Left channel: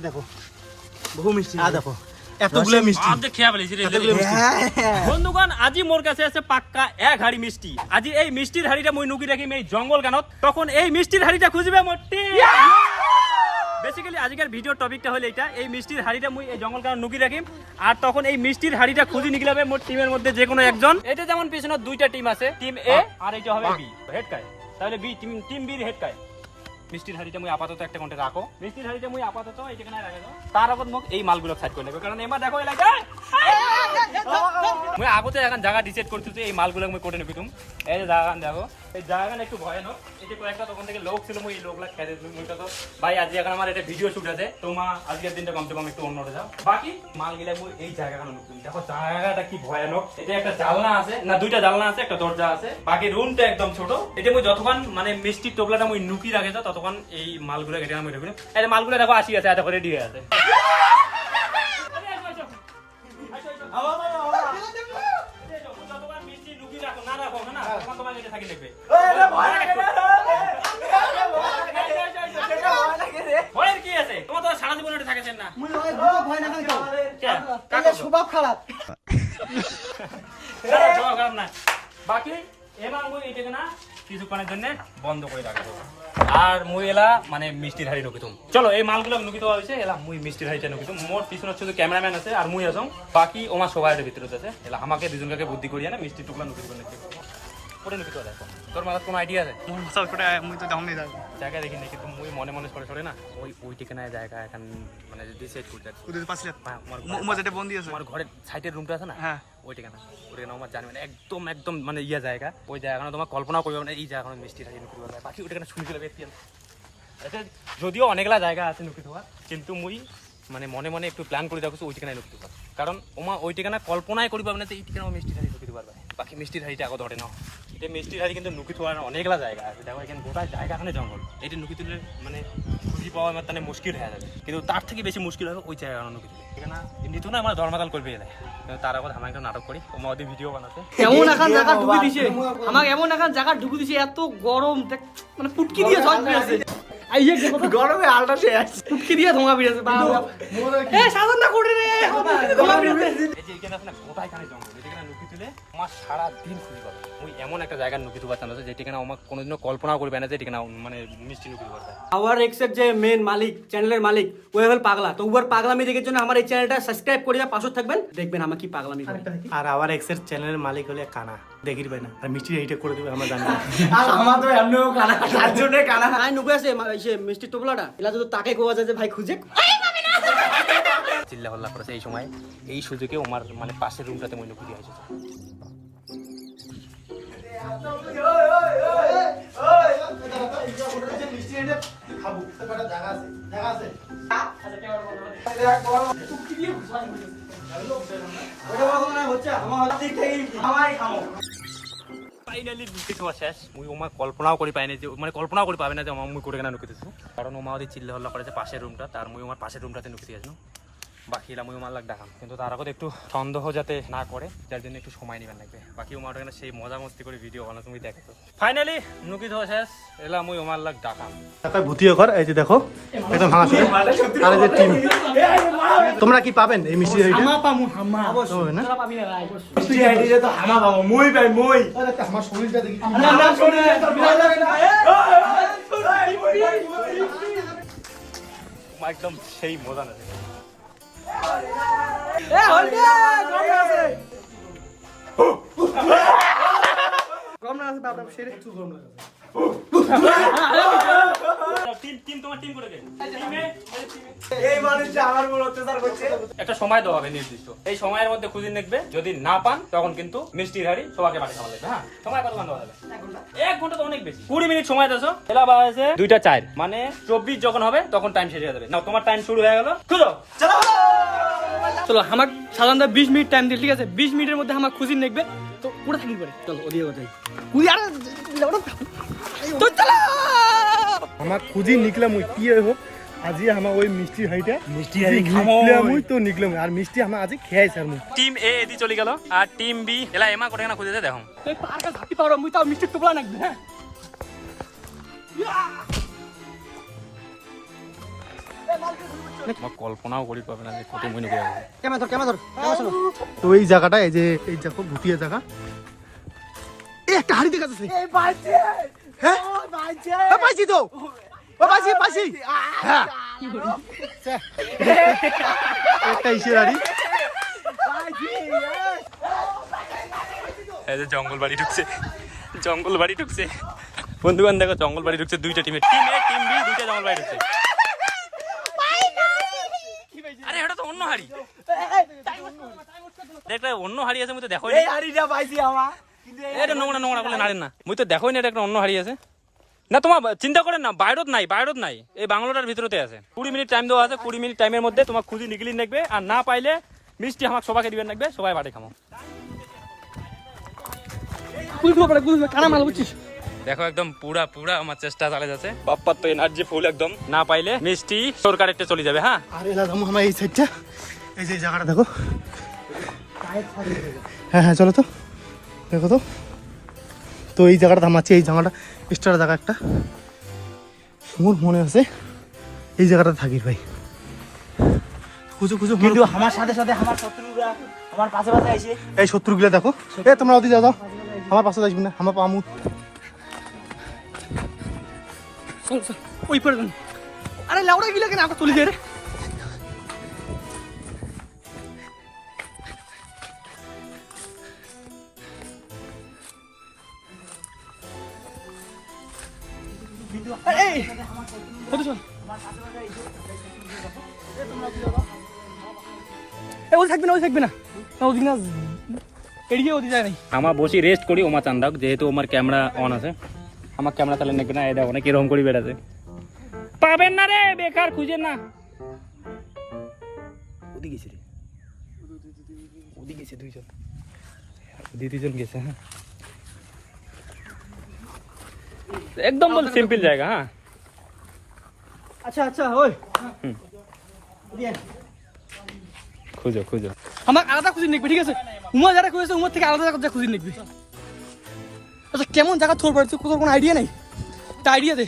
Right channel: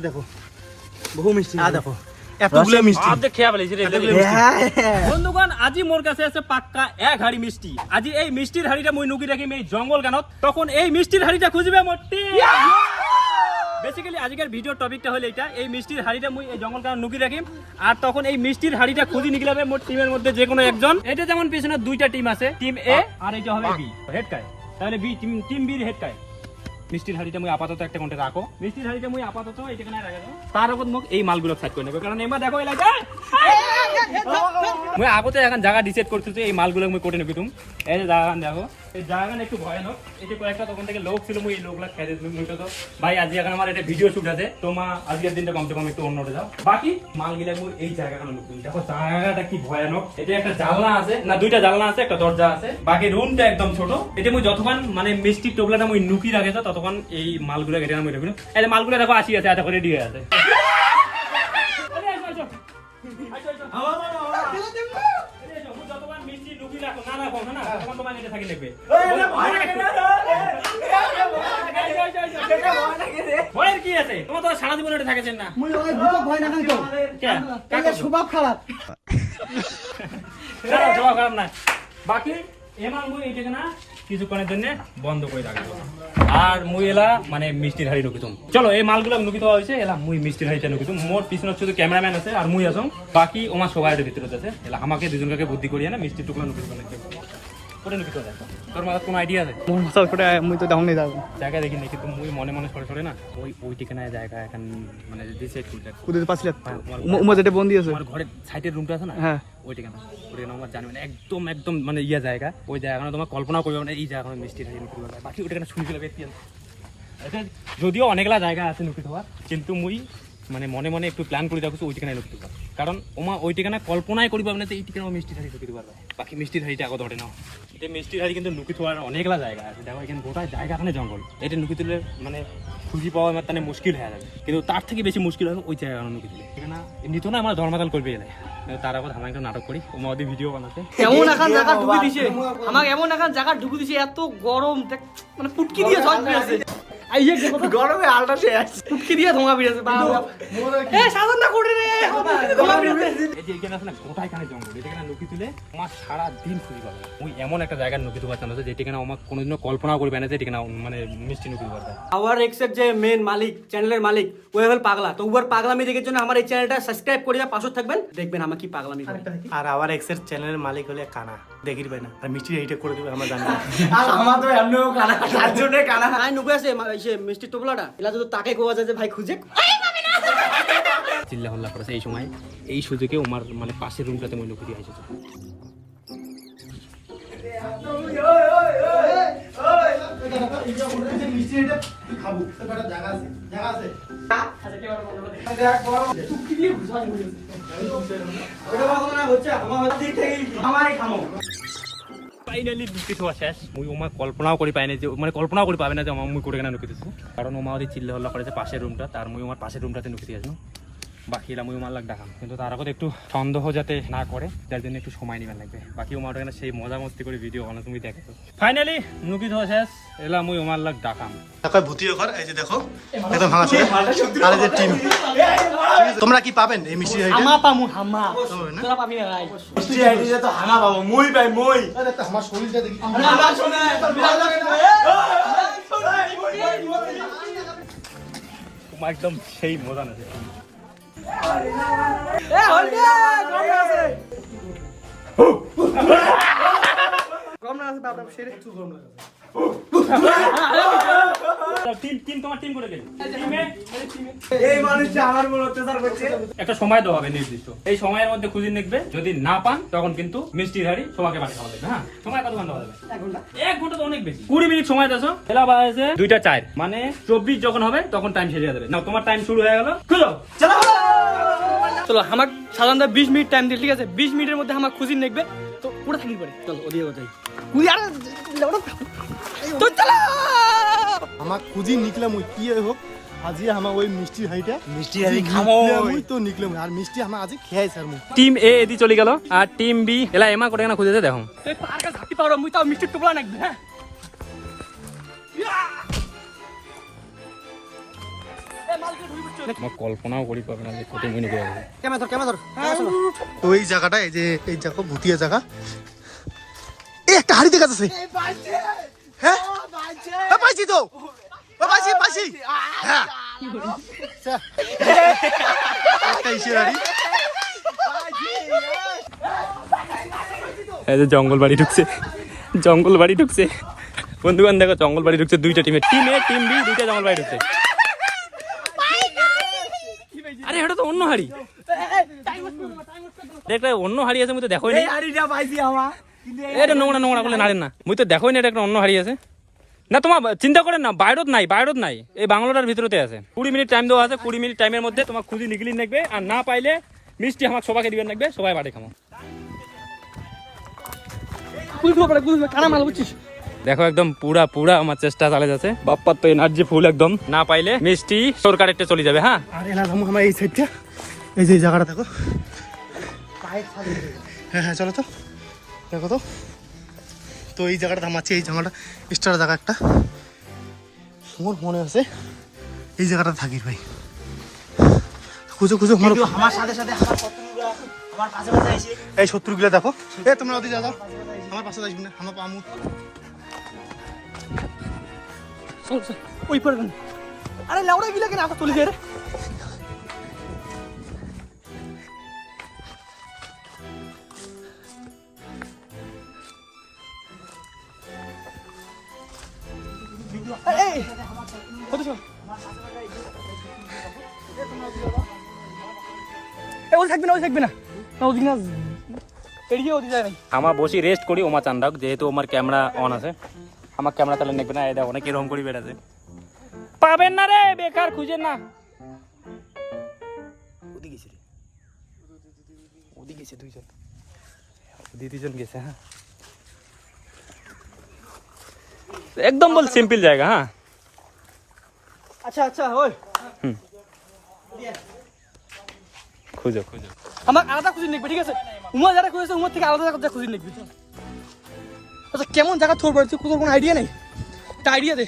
দেখো বহু মিষ্টি দেখো এতগুলো মিষ্টি আপনি খেয়া ফেলেছি রে বন্ধুগণ আজি মোর কাছে আছে পাক্কা এক হাড়ি মিষ্টি আজি এই মিষ্টির হাড়িটা মই নুকি রাখি এই জঙ্গল গানত তখন এই মিষ্টির হাড়িটা খুঁজবে মোটি বেসিক্যালি আজকের ভিডিওর টপিকটা হলো এটা এই মিষ্টির হাড়িটা মুই এই জঙ্গল গানত নুকি রাখি আর তখন এই মিষ্টির হাড়িটা খুঁজি নিকলাবে মোর টিমের মধ্যে যে কোনো একজন এটা যেমন পিছনে দুইটা টিম আছে টিম এ আর এইটা হবে বি হেড কায় তাহলে বি টিম বি হেড কায় মিষ্টির হাড়িটা মুই আপাতত একটা কোণে রাখো মিষ্টির হাড়িটা মুই আপাতত এই জায়গায় রাখো তার আগত মোক এই মালগুলো সাইড করে নেব কারণ এমা দেখো এলাকা মুই আগতে এখন জায়গা ডিসাইড করতেছি এই মালগুলো মুই কোটে নেব তুমি এই যে জায়গা দেখো এই জায়গা একটু ভয়ানক এই যে কয়েকটা তখন থেকে লোক ছিল মুই এই লোকগুলা খেতে মুই তো ভাই আজ এখন আমার এটা ভিডিও শুট আছে তোমা আজকের দিনটা কমসে কম একটু অন্যটা যাও বাকি মালগুলা মুই এই জায়গাটা নতুন দেখো জায়গাটা কি ভয়ানক এটা একটা জানলা আছে না দুইটা জানলা আছে একটা দরজা আছে বাকি রুমটা একদম ছোট এটা মুই যতক্ষণ মানে মিষ্টির টোপলাটা মুই নুকি রাখে ততক্ষণ এই মালগুলো কেটে আমি রেখে এই যে মালগুলো দেখো আসি আছে এত করে রেডি হয়ে আছে কি আছে তোমার তো সারা জীবন ওটা থাকেছেন না স্বভাব খারাপ খারাপ না বাকি এবার মুই এইটাকে না কিছুক্ষণের জন্য বন্ধ করে রাখবো আর মুই এলা মানে মিষ্টির হাড়ি নুকিতুম চলো এই মালগুলো নুকি দেওয়া হয়েছে এলা মুই মিষ্টির হাড়িটা নুকিতুম মোর পিছনে শুধু ক্যামেরাম্যান আছে আর মুই আসম বাকি ওমার সবাই ভিতরে আছে এলা আমাকে দুজনকে বুদ্ধি করিয়ে না মিষ্টির টুকরা নুকি দেবো ওটা নুকি দেওয়া তোর মাথার কোনো আইডিয়া আছে মুই তো ডাউনে যাবো জায়গা দেখি না কিন্তু মুই মনে মনে সরে না ওই ঠিকানায় জায়গা এখন মানে ডিসাইড করতে কুদিতে পারছিলে উমা যেটা বন্দি আছে আমার ঘরের সাইডের রুমটা আছে না হ্যাঁ ওই ঠিকানা আমার জানি মানে একদম মানে ইয়া জায়গা ওই জায়গা তোমার কল্পনা করবে মানে এই জায়গা মিষ্টি থাকে নুকি দেওয়া বাকি ওটা শুনি ফেলে ব্যক্তি যদিও অনেকগুলা জায়গা আছে নুকি দেওয়ার কিন্তু মুই মানে মনে মনে একটু প্ল্যান করে রাখছি ওই ঠিকানায় নুকি দেওয়া কারণ ওমা ওই ঠিকানা কল্পনায় করি পাবে না এই ঠিকানা মিষ্টি হাড়ি নুকি দেওয়া বাকি মিষ্টির হাড়িটা আগে ধরে নাও এটা মিষ্টির হাড়ি কিন্তু নুকি দেওয়ার অনেকগুলা জায়গা আছে দেখো এখানে গোটা জায়গাখানে জঙ্গল এটা নুকি তুলে মানে খুঁজি পাওয়া আমার তাহলে মুশকিল হয়ে যাবে কিন্তু তার থেকে বেশি মুশকিল হবে ওই জায়গা নুকি দিলে এখানে এমনিতেও না আমার ধর্মাতাল করবে এলে তার আগত আমার একটা নাটক করি ওমা ওদের ভিডিও বানাতে এমন এখন জায়গা ঢুকে দিছে আমাকে এমন এখন জায়গা ঢুকে দিছে এত গরম মানে ফুটকি দিয়ে জল বেরিয়েছে আইয়ে গরমে আলটা শেষ ফুটকি দিয়ে ধোঁয়া বেরিয়েছে এ সাধন না করে রে ধোঁয়া বেরিয়েছে এই যে এখানে আছে না গোটাই কানে জঙ্গল এখানে নুকি তুলে আমার সারা দিন খুঁজি পাবে ওই এমন একটা জায়গার নুকি দেওয়ার চান্স আছে যেখানে আমার কোনোদিনও কল্পনাও করবে না যে এখানে মানে মিষ্টি নুকি দেওয়ার যায় আওয়ার এক্সের যে মেন মালিক চ্যানেলের মালিক ও হল পাগলা তো উবার পাগলামি দেখার জন্য আমার এই চ্যানেলটা সাবস্ক্রাইব করে পাশে থাকবেন দেখবেন আমার কি পাগলামি আর আওয়ার এক্সের চ্যানেলের মালিক হলে কানা দেখির ভাই না আর মিষ্টি এইটা করে দেবে আমরা জানি আর আমার তো এমনিও কানা তার জন্য কানা আই নুকে আছে সে মিষ্টি টোপলাটা এলা তো তাকে কোয়া যায় যে ভাই খুঁজে চিল্লা হল্লা করেছে এই সময় এই সুযোগে ওমার মানে পাশের রুমটাতে মই নুকি দিয়ে এসেছে ফাইনালি নুকি খাওয়া শেষ মুই ওমা কল্পনাও করি পাই না যে মানে কল্পনাও করি পাবে না যে মুই করে কেনা নুকি দিচ্ছি কারণ ওমা ওদের চিল্লা হল্লা করেছে পাশের রুমটা তার মুই আমার পাশের রুমটাতে নুকি দিয়েছিল বাকিরা মুই আমার লাগ ডাকাম কিন্তু তার আগত একটু সন্দেহ যাতে না করে যার জন্য একটু সময় নিবার লাগবে বাকি ওমার ওখানে সেই মজা মস্তি করে ভিডিও বানা তুমি দেখো ফাইনালি নুকি খাওয়া শেষ এলা মুই আমার লাগ ডাকাম দেখো ভূতিও কর এই যে দেখো একদম ভাঙা ছিল আর এই যে টিম তোমরা কি পাবেন এই মিষ্টি হাড়িটা আমা পামু হামা হবে না মিষ্টি হাড়িটা তো হামা পাবো মই পাই মই আরে আমার শরীরটা দেখি না শরীর একদম সেই মজা না এ হলদে গরম না আছে বাবা শেরে একটু গরম লাগে টিম তোমার টিম করে গেল এই মানুষটা আমার উপর অত্যাচার করছে একটা সময় দেওয়া হবে নির্দিষ্ট এই সময়ের মধ্যে খুঁজে নেবে যদি না পান তখন কিন্তু মিষ্টির হাড়ি সবাইকে বাড়ি খাওয়া যাবে হ্যাঁ সময় কত দেওয়া যাবে 1 ঘন্টা তো অনেক বেশি 20 মিনিট সময় দেছো এলা বাজে 2:04 মানে 24 যখন হবে তখন টাইম শেষ হয়ে যাবে না তোমার টাইম শুরু হয়ে গেল চলো চলো আমার সাধারণত 20 মিনিট টাইম দিল ঠিক আছে 20 মিনিটের মধ্যে আমার খুঁজি নেকবে তো পুরো থাকি পড়ে চলো ওদিকে কথাই কুই আর তো চলো আমার খুঁজি নিকলাম ওই কি হোক আজি আমার ওই মিষ্টি হাড়িটা মিষ্টি হাড়ি নিকলাম ওই তো নিকলাম আর মিষ্টি আমার আজি খেয়াই স্যার মুই টিম এ এদি চলে গেল আর টিম বি এলা এমা করে না খুঁজেছে দেখো আর কাছে পারো মুই তো মিষ্টি টোপলা নাকবে আমার কল্পনাও করি পাবে না যে কত মনে করে ক্যামেরা ধর তো এই জায়গাটা এই যে এই দেখো ভুতিয়া জায়গা এই একটা হাড়ি দেখা যাচ্ছে হ্যাঁ পাইছি তো পাইছি হ্যাঁ একটা ইসের হাড়ি এই যে জঙ্গল বাড়ি ঢুকছে বন্ধুগণ দেখো জঙ্গল বাড়ি ঢুকছে দুইটা টিম বি দুইটা জঙ্গল বাড়ি ঢুকছে আরে এটা তো অন্য হাড়ি দেখলে অন্য হাড়ি আছে মুই তো দেখোই না এটা নোংরা করলে নাড়েন না মুই তো দেখোই না এটা একটা অন্য হাড়ি আছে না তোমার চিন্তা করেন না বাইরত নাই এই বাংলোটার ভিতরতে আছে 20 মিনিট টাইম দেওয়া আছে 20 মিনিট টাইমের মধ্যে তোমার খুঁজি নিগলি নেকবে আর না পাইলে মিষ্টি আমার সবাইকে দিবেন নেকবে সবাই বাড়ি খামো কানা মাল বুঝছিস দেখো একদম পুরা আমার চেষ্টা চালে যাচ্ছে বাপ্পার তো এনার্জি ফুল একদম না পাইলে মিষ্টি সরকার একটা চলে যাবে হ্যাঁ আর এলা যাবো আমার এই সাইডটা এই যে জায়গাটা দেখো হ্যাঁ চলো তো দেখো তো এই জায়গাটা থামাচ্ছে এই জায়গাটা এক্সট্রা জায়গা একটা মোর মনে আছে এই জায়গাটা থাকির ভাই খুঁজো কিন্তু আমার সাথে আমার শত্রুরা আমার পাশে আসে এই শত্রুগুলা দেখো এ তোমরা ওদিকে যাও আমার পাশে আসবে না আমার পামু ওই পড়ে আরে লাউড়া গিলা কেন আমরা চলে যাই রে কত চল ওই থাকবে না ওদিক না এদিকে ওদিক যায় নাই আমার বসি রেস্ট করি ওমা চান্দাক যেহেতু আমার ক্যামেরা অন আছে আমার ক্যামেরা তাহলে নেবে না এটা অনেক এরকম করি বেড়াতে পাবেন না রে বেকার খুঁজেন না ওদিক গেছে দুইজন দুজন গেছে হ্যাঁ একদম বল সিম্পল জায়গা হ্যাঁ আচ্ছা ওই খুঁজো আমার আলাদা খুঁজে নিকবি ঠিক আছে উমা যারা খুঁজেছে উমার থেকে আলাদা জায়গা খুঁজে নিকবি আচ্ছা কেমন জায়গা থোর পারছো কোনো আইডিয়া নেই একটা আইডিয়া দে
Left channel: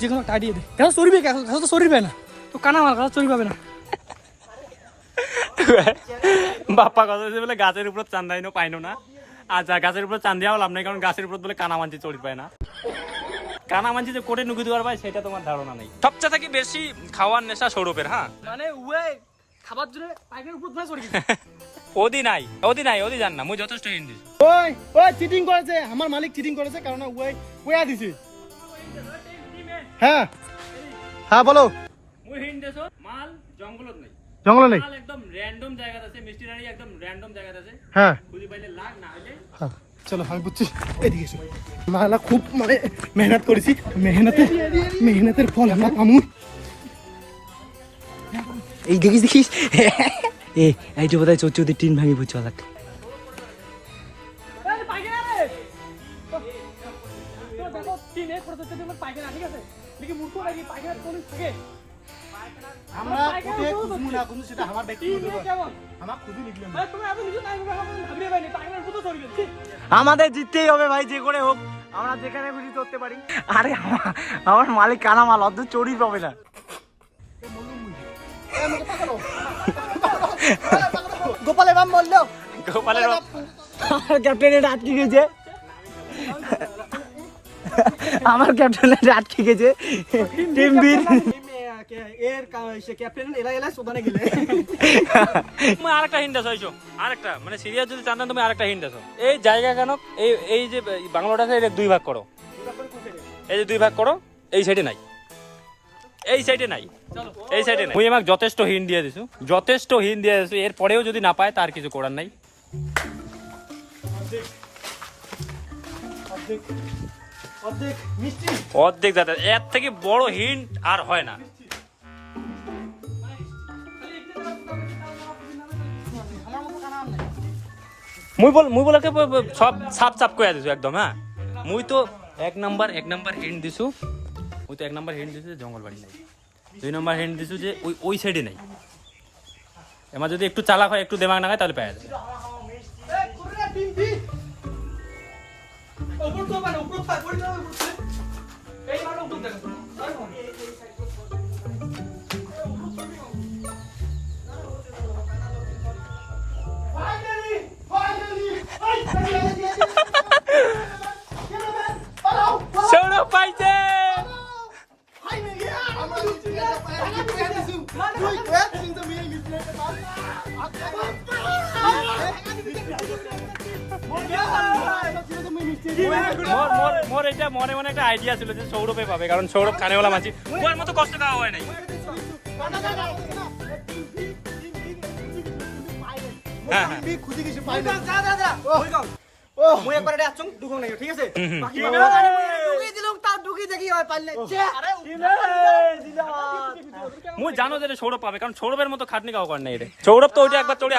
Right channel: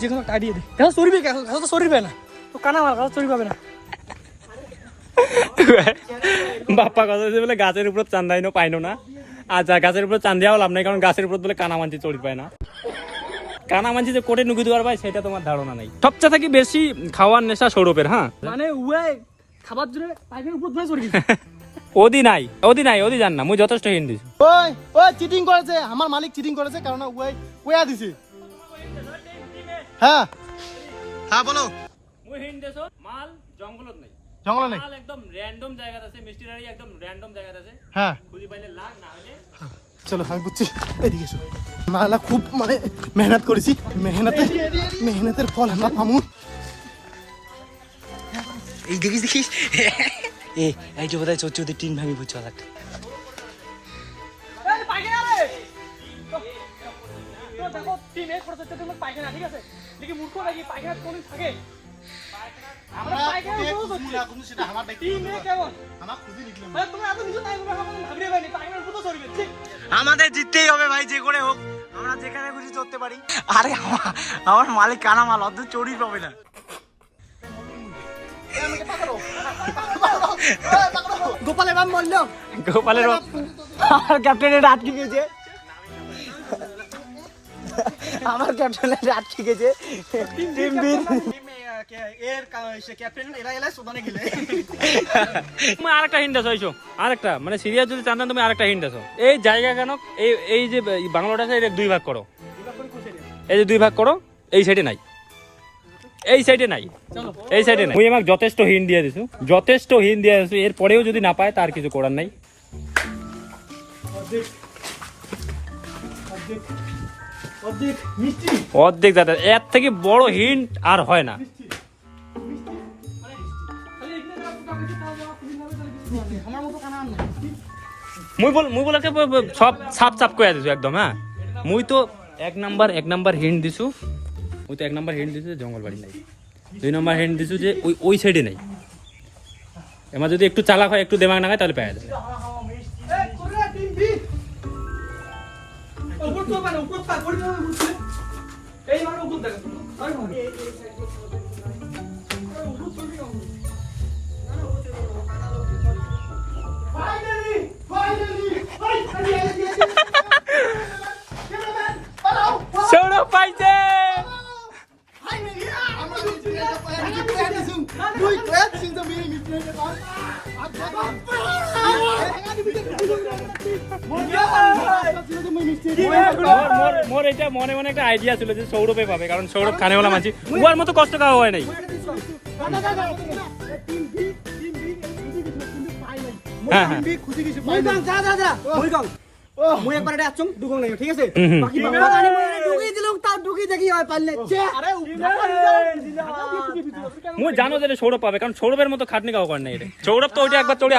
যে কোনো একটা আইডিয়া দে এখন সরিবে এখন তো সরিবে না তো কানা মাল কথা সরি পাবে না বাপ্পা কথা হচ্ছে বলে গাছের উপর চান্দাইনো পাইনো না আর যা গাছের উপর চান্দিয়াও লাভ নাই কারণ গাছের উপর বলে কানামাঞ্চি চড়ি পায় না কানামাঞ্চি যে কোটে নুকি দেওয়ার পায় সেটা তোমার ধারণা নাই সবচেয়ে থেকে বেশি খাওয়ার নেশা সৌরভের হ্যাঁ মানে উয়ে খাবার জন্য পাইপের উপর ধরে চড়ি ওদি নাই জান না মুই যথেষ্ট হিন্ট দিছি ওই চিটিং করেছে আমার মালিক চিটিং করেছে কারণ ওয়া দিছে হ্যাঁ বলো মুই হিন্ট দেছো মাল জঙ্গলত নাই জঙ্গল নেই মাল একদম র‍্যান্ডম জায়গা আছে মিষ্টির হাড়ি একদম র‍্যান্ডম জায়গা আছে হ্যাঁ খুঁজি পাইলে লাগ না হইলে হ্যাঁ চলো আমি বুঝছি এদিকে এসো মালা খুব মানে মেহনত করেছি মেহনতের ফল আমরা পামু এই দেখিস এই যে বোধহয় চৌচৌদি টিন ভাঙি বুঝছো আমরা কোটে খুঁজমু না কিন্তু সেটা আমার ব্যক্তিগত ব্যাপার আমার খুঁজি নিকলাম আমাদের জিততেই হবে ভাই যে করে হোক আমরা যেখানে খুশি চড়তে পারি আরে আমার মালিক কানা মাল অত চড়ি পাবে না গোপালের বাপ বললো আমার ক্যাপ্টেনের আটকে গেছে আমার ক্যাপ্টেনের আটকে গেছে টিম বি এর ক্যাপ্টেন এলা সোদানে গেলে তুমি আরেকটা হিন্ট আছো আইছো আরেকটা মানে সিরিয়াস যদি চান তুমি আরেকটা হিন্ট আছো এই জায়গা কেন এই যে বাংলাটা আছে এটা দুই ভাগ করো এই যে দুই ভাগ করো এই সাইডে নাই এই সাইডে নাই মুই আমাকে যথেষ্ট হিন্ট দিয়ে দিছো এরপরেও যদি না পায় তার কিছু করার নাই অর্ধেক দাদা এর থেকে বড় হিন্ট আর হয় না মুই বলাকে সব সাপ করে দিছো একদম হ্যাঁ মুই তো এক নাম্বার হিন্ট দিছো জঙ্গল বাড়ি নাই 2 নম্বর হিন্ট দিছো যে ওই সাইডে নাই এমা যদি একটু চালাক হয় একটু দেমাগ না হয় তাহলে পেয়ে যাবে সৌরভ পাইছে। মোর এটা মনে মনে একটা আইডিয়া ছিল যে সৌরভে পাবে, কারণ সৌরভ খানেওয়ালা মাছি, উয়ার মতো কষ্ট খাওয়া হয় নাই। হ্যাঁ হ্যাঁ মই একবার এটা আছং দুগং নাই ঠিক আছে বাকি বাবা জানি মই এটা ঢুকিয়ে দিলাম তার ঢুকিয়ে দেখি হয় পারলে আরে মুই জানো যে সৌরভ পাবে, কারণ সৌরভের মতো খাটনি খাওয়া করে নাই এটা। সৌরভ তো ওইটা একবার চড়ে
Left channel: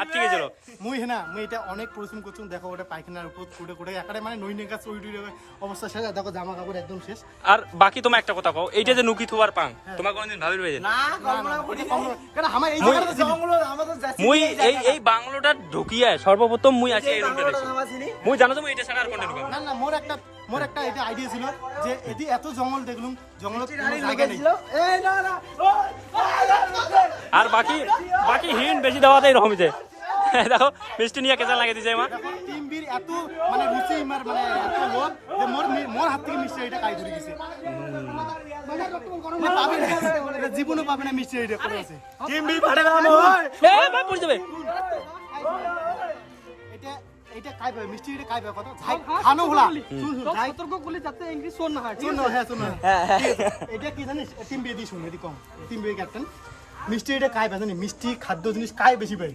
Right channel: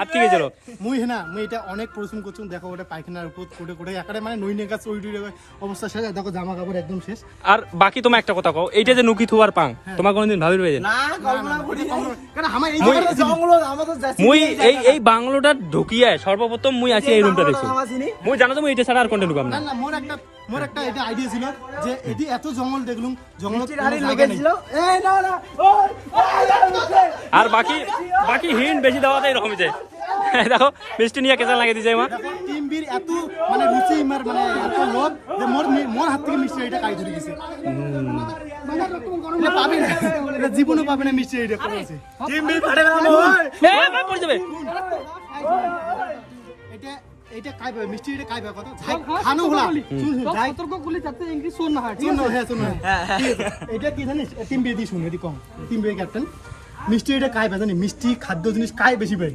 আটকে গেছিল। মুই হেনা মুই এটা অনেক পরিশ্রম করছি, দেখো ওটা পায়খানার উপর কোটে কোটে একারে মানে নইনে গাছ ওই অবস্থা শেষ, দেখো জামা কাপড় একদম শেষ। আর বাকি তোমার একটা কথা কও, এইটা যে নুকি থুয়ার পাং তোমার কোনদিন ভাবির হয়ে যায় না কল্পনা করি কারণ আমার এই জায়গাটা জঙ্গল আমাদের যাচ্ছে মুই এই বাংলোটা ঢুকিয়ে সর্বপ্রথম মুই আছি এই রুমটা দেখছি। মুই জানো তো মুই এটা ছাড়া আর কোনটা ঢুকাম না। না মোর একটা এটা আইডিয়া ছিল যে এদি এত জঙ্গল দেখলুম জঙ্গলত কোনো জায়গা নেই। এই না না আর বাকি হিন বেশি দেওয়াতে এরকমই যায়। দেখো মিষ্টি নিয়ে কেসা লাগিয়ে দিছে মা। টিম বির এত মানে রুচি মার মানে এত লোভ যে মোর হাত থেকে মিষ্টি এটা কাই ধরে দিছে। এটা পাবি না, এটা জীবনও পাবে না মিষ্টি এটা করেছে। টিম বি ফাটে না এ ভাই পড়ে যাবে। এটা কাই পাবে মিষ্টি এটা কাই পাবে কত খানো হলা শুন যাই সতর্ক গুলি যাতে ইংলিশ শোন না শুন না হ্যাঁ শুন না এটা কি জানিস টিম বি দি শুন এদি কম টিম বি ক্যাপ্টেন মিষ্টি এটা কাই পাবে জানি মিষ্টি খাদ্য জিনিস কাই বেশি পাই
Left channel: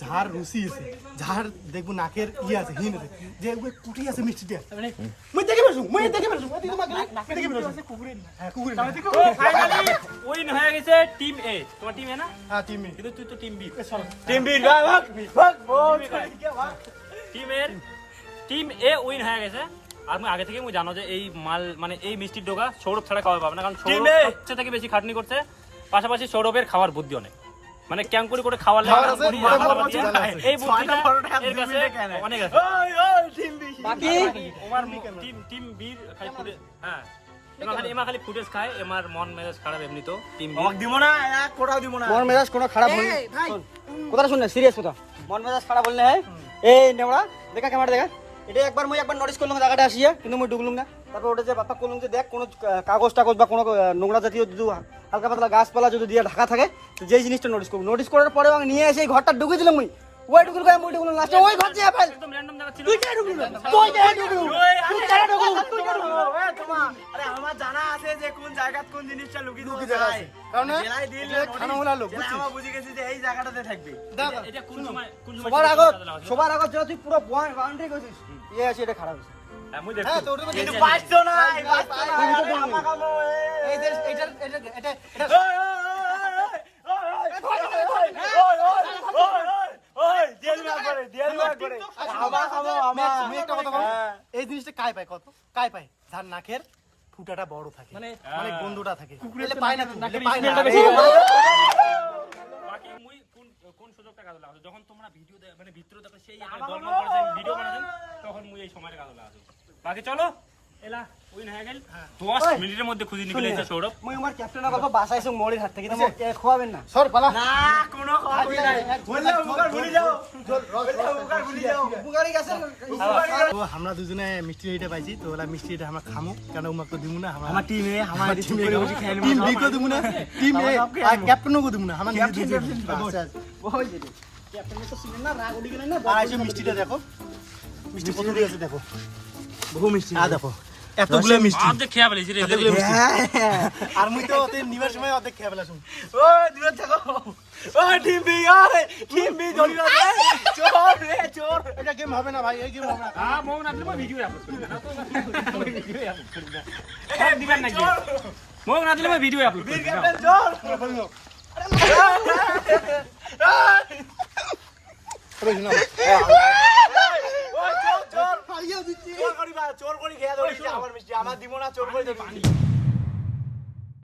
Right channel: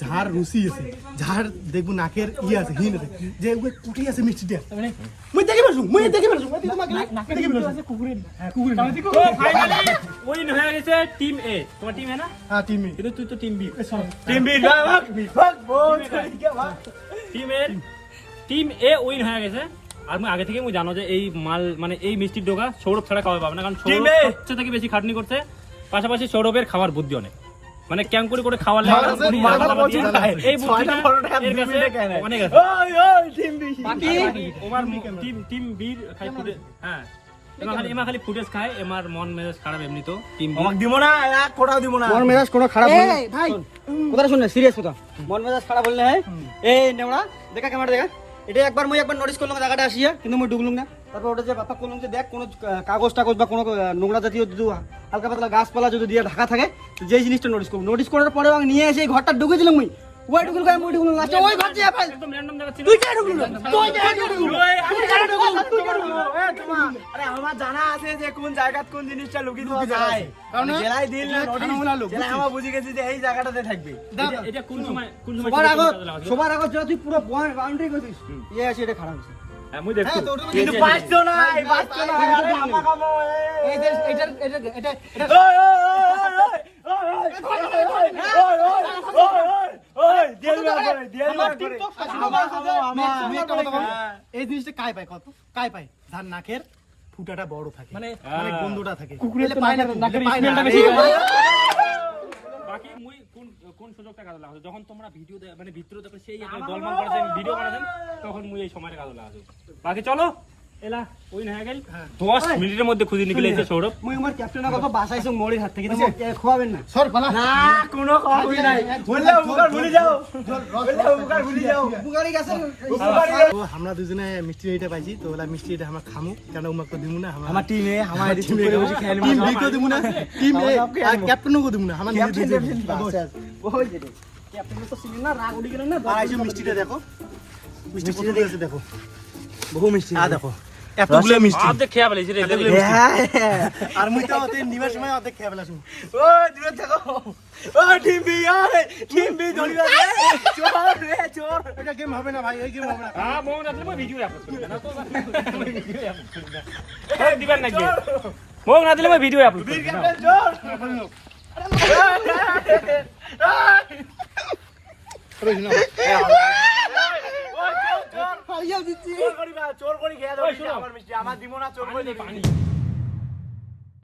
ঝাড় রুচি আছে ঝাড় দেখবো নাকের আছে হিন আছে যে ওই কুটি আছে মিষ্টিটা মুই দেখি পারছু নাকে দেখি পারছু কুকুরে হ্যাঁ কুকুরে ফাইনালি উইন হয়ে গেছে টিম এ। তোমার টিম এ না? হ্যাঁ টিম বি কিন্তু তুই তো team B. Team B team A win হয়ে গেছে। আর আমি আগে থেকে মুই জানো যে এই মাল মানে এই মিষ্টির ডোকা সৌরভ ছাড়া খাওয়া পাবে না, কারণ সৌরভ সবচেয়ে থেকে বেশি খাটনি করছে, পাশাপাশি সৌরভের খাওয়ার বুদ্ধি অনেক, মানে ক্যাং করে করে খাওয়ার লাগে এই বুদ্ধিটা অনেক আছে। ওমার টিম বির খাই ফুটে হ্যাঁ এমা খালি ফুটেজ খায়, এমার মন মেজাজ খারাপ এমনি তো টিম আমাকে দিব না এক ফোঁটাও দিব না মন মেজাজ কোনো খারাপ হল ভাই কথা শুন না সিরিয়াস কথা মন মেজাজ খারাপ হল না এই নেমড়া দেখা ক্যামেরা দেখা এটা একবার নোটিস করলাম জায়গাটা আসিয়া কিন্তু মই ঢুকলাম না তারপর ওটা যে বাপা করলাম যে দেখ কোনো কাগজ টাগজ বা কোনো নোংরা জাতীয় যদি হালকা পাতলা গাছপালা যদি দিয়ে ঢাকা থাকে যে জিনিসটা নোটিস করার পরে আমি নিয়ে এসে এই ঘরটা ঢুকে দিলাম মুই ওই ঢুকুল গায় মই ঢুকুল লাস্টে ওই ঘর চেয়ে পাই একদম র্যান্ডম জায়গা ছিল। তুই কে ঢুকুল তুই আরে আমার জানা আছে যে কোন জায়গাত কোন জিনিসটা লুকিয়ে দেওয়া যায় কারণ জেলায় দিল না নোটিস জেলায় আমরা বুঝি গেছি যে এই জায়গাটাতে থাকবে এটা কোন সময় সবার আগত যেটা তুই পুরো বাউন্ডারি করছিস ইয়ে আছে এটা খারাপ আছে আমি দেখছি কিন্তু পাঁচশো না আমা কামো এই যে এটা এই জিনিসটা কাই পায় কত কাই পায় যার নাকের ফুটাটা বড় থাকে মানে গন্ধটা থাকে বাকি মুই কোন সুযোগটা কাজে লাগাছো যখন তোমরা ভিডিও মানে ভিতরে দেখো সেই দলমান করেছেন ভিডিও বানাছেন তখন মুই এই সময়টা কাজে লাগাছো। বাকি চলো এলা উইন হয়ে গেল 10 মিনিটের মধ্যে খুঁজে নিয়ে গেছে সৌরভ। মই আমার ক্যাপ্টেনের কথা বাসাইছো মোড়ের হাত থেকে খোয়াবেন না সর পালা না কোনো খাওয়াবি নাই বললে উপকার ভুলে যাও উপকারই গেছে তো আমরা দুজনে মিষ্টি এটা পাইছি তো ওলা মিষ্টি এটা আমরা খামু কেন উমাক তো দিমু না আমার টিমে আমার টিম করে বসে খেলবো টিম বি কো দিমু না টিম এ আর ক্যাপ্টেনও কো দিমু না আমরা নিজে ক্যাপ্টেন দিমু ওই যে ক্যাপ্টেন তো ছিল না রাগ উড়ি গেল না আর এই যে মিষ্টিটা দেখো মিষ্টি কত দিয়েছে দেখো বহু মিষ্টি আ দেখো এতগুলো মিষ্টি অর্ধেক খেয়ে ফেলেছি রে। আর মুই তো ওতে নিমের সময় অর্ধেক খেয়ে ফেলাছুম ও দূরে থাকো ও টিম বি ধরি না চোর এটা গেম হবে না ভাই এই গেম হবে না হ্যাঁ মং না দিলে ভিডিও আপলোড করব না তো ভিডিও আপলোড করব না দিবেন নাকি মং না দিলে ভিডিও আপলোড করব ক্যাপ্টেন চোর চোর করি খেয়ে দাও আমার দিমো না চোর করে পানি